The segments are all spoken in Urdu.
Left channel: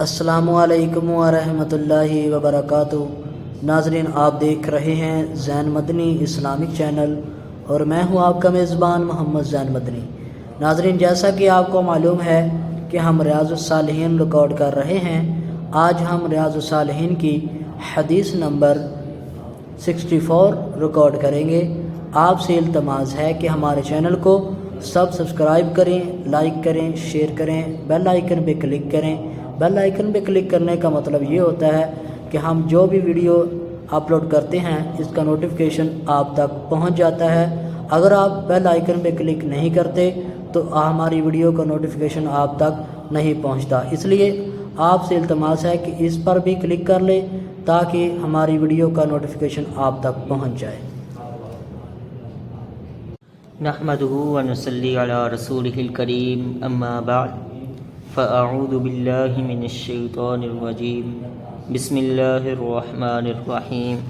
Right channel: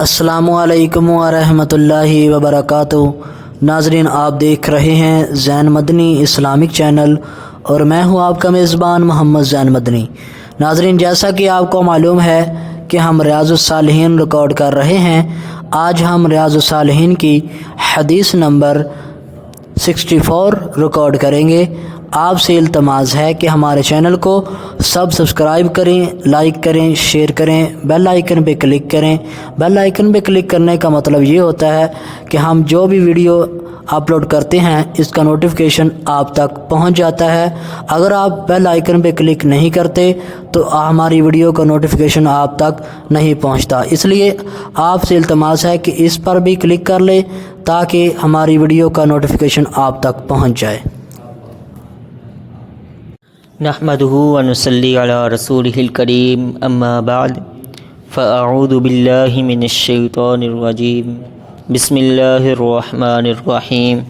السلام علیکم ورحمۃ اللہ وبرکاتہ۔ ناظرین، آپ دیکھ رہے ہیں زین مدنی اسلامک چینل اور میں ہوں آپ کا میزبان محمد زین مدنی۔ ناظرین، جیسا کہ آپ کو معلوم ہے کہ ہم ریاض الصالحین ریکارڈ کر رہے ہیں۔ آج ہم ریاض الصالحین کی حدیث نمبر 64 ریکارڈ کریں گے۔ آپ سے التماس ہے کہ ہمارے چینل کو سبسکرائب کریں، لائک کریں، شیئر کریں، بیل آئیکن پہ کلک کریں۔ بیل آئیکن پہ کلک کرنے کا مطلب یہ ہوتا ہے کہ ہم جو بھی ویڈیو اپلوڈ کرتے ہیں اس کا نوٹیفیکیشن آپ تک پہنچ جاتا ہے۔ اگر آپ بیل آئیکن پہ کلک نہیں کرتے تو ہماری ویڈیو کا نوٹیفیکیشن آپ تک نہیں پہنچتا، اس لیے آپ سے التماس ہے کہ اس پر بھی کلک کر لیں تاکہ ہماری ویڈیو کا نوٹیفیکیشن آپ تک پہنچ جائے۔ نحمده ونصلي على رسوله الكريم اما بعد فاعوذ بالله من الشیطان الرجیم بسم اللہ الرحمن الرحیم۔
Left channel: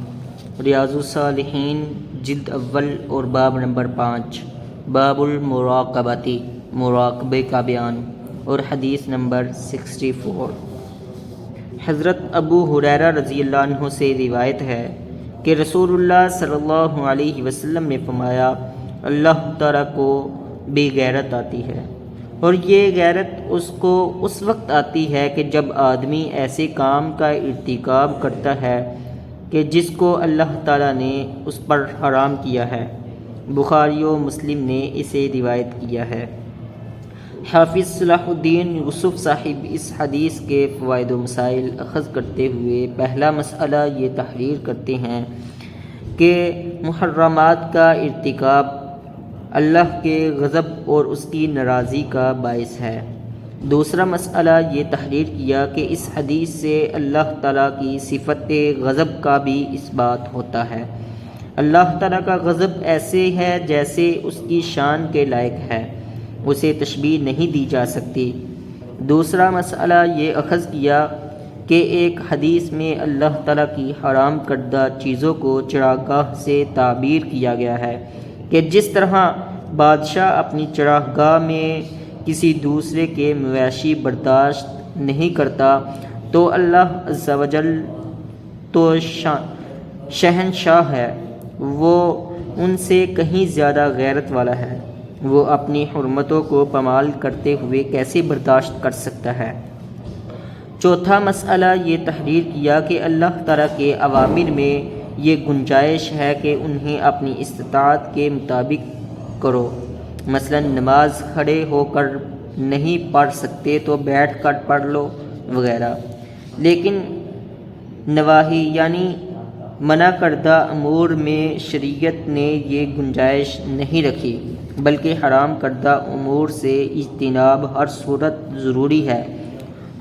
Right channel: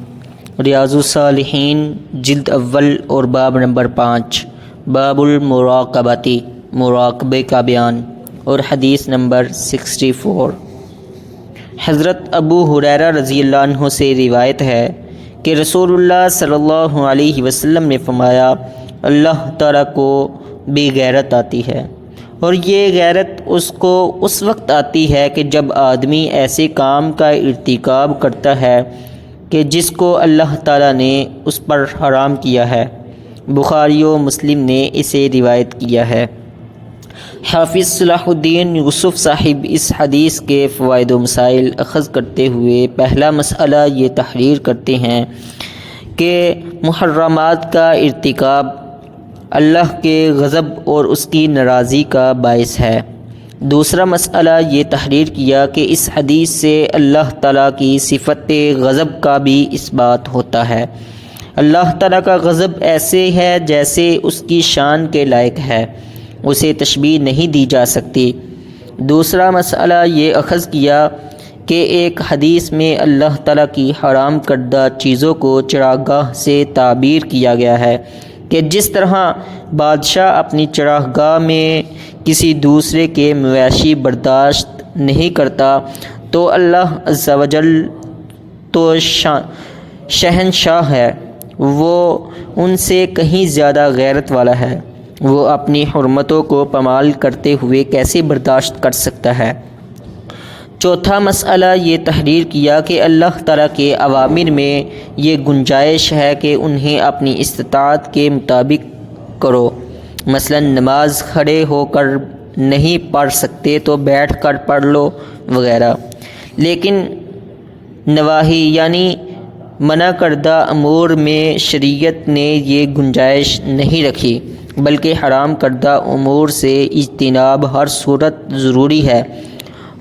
ریاض الصالحین جلد اول اور باب نمبر 5، باب المراقبتی، مراقبے کا بیان، اور حدیث نمبر 64۔ حضرت ابو ہریرہ رضی اللہ عنہ سے روایت ہے کہ رسول اللہ صلی اللہ علیہ وسلم نے فرمایا، اللہ تعالیٰ کو بے غیرت آتی ہے، اور یہ غیرت اس کو اس وقت آتی ہے کہ جب آدمی ایسے کام کا ارتکاب کرتا ہے کہ جس کو اللہ تعالیٰ نے اس پر حرام کیا ہے۔ بخاری و مسلم نے اسے روایت کیا ہے۔ حافظ صلاح الدین یوسف صاحب اس حدیث کے فوائد و مسائل اخذ کرتے ہوئے پہلا مسئلہ یہ تحریر کرتے ہیں کہ محرمات کا ارتکاب اللہ کے غضب اور اس کی ناراضی کا باعث ہے۔ دوسرا مسئلہ یہ تحریر کیا کہ اس حدیث سے اللہ تعالیٰ کی صفت غضب کا بھی اس بات ہوتا ہے۔ اللہ تعالیٰ کا غضب ایسے ہے جیسے اس کی شان کے لائق ہے، اسے تشبیہ نہیں دی جا سکتی۔ دوسرا مسئلہ یہ اخذ کیا کہ ایک حدیث میں اللہ تعالیٰ کی حرام کردہ چیزوں کو چراگاہ سے تعبیر کیا گیا ہے کہ جس طرح بادشاہ اپنی چراگاہ میں کسی دوسرے کے مویشی برداشت نہیں کرتا، تو اللہ عز و جل تو شہنشاہ ہے، وہ ان سے کہیں زیادہ غیرت والا ہے، وہ اپنی حرمتوں کو پامال کرتے ہوئے کیسے برداشت کر سکتا ہے۔ چوتھا مسئلہ یہ تحریر کیا کہ اللہ تعالیٰ کے اوامر میں یہ گنجائش ہے کہ انہیں اپنی استطاعت کے مطابق کرو، مثلا نماز کھڑے ہو کر نہیں پڑھ سکتے تو بیٹھ کر پڑھ لو وغیرہ، لیکن نواہی یعنی منع کردہ امور میں شریعت نے یہ گنجائش نہیں رکھی، بلکہ حرام کردہ امور سے اجتناب ہر صورت ضروری ہے،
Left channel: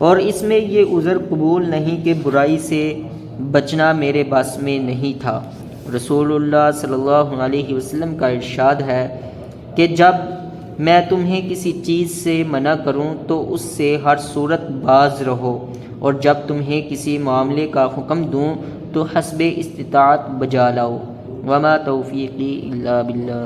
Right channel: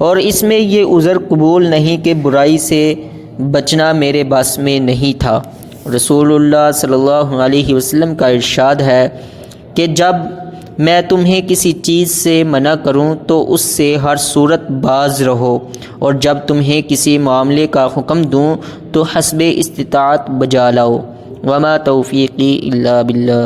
اور اس میں یہ عذر قبول نہیں کہ برائی سے بچنا میرے بس میں نہیں تھا۔ رسول اللہ صلی اللہ علیہ وسلم کا ارشاد ہے کہ جب میں تمہیں کسی چیز سے منع کروں تو اس سے ہر صورت باز رہو، اور جب تمہیں کسی معاملے کا حکم دوں تو حسب استطاعت بجا لاؤ، وما توفیقی الا باللہ۔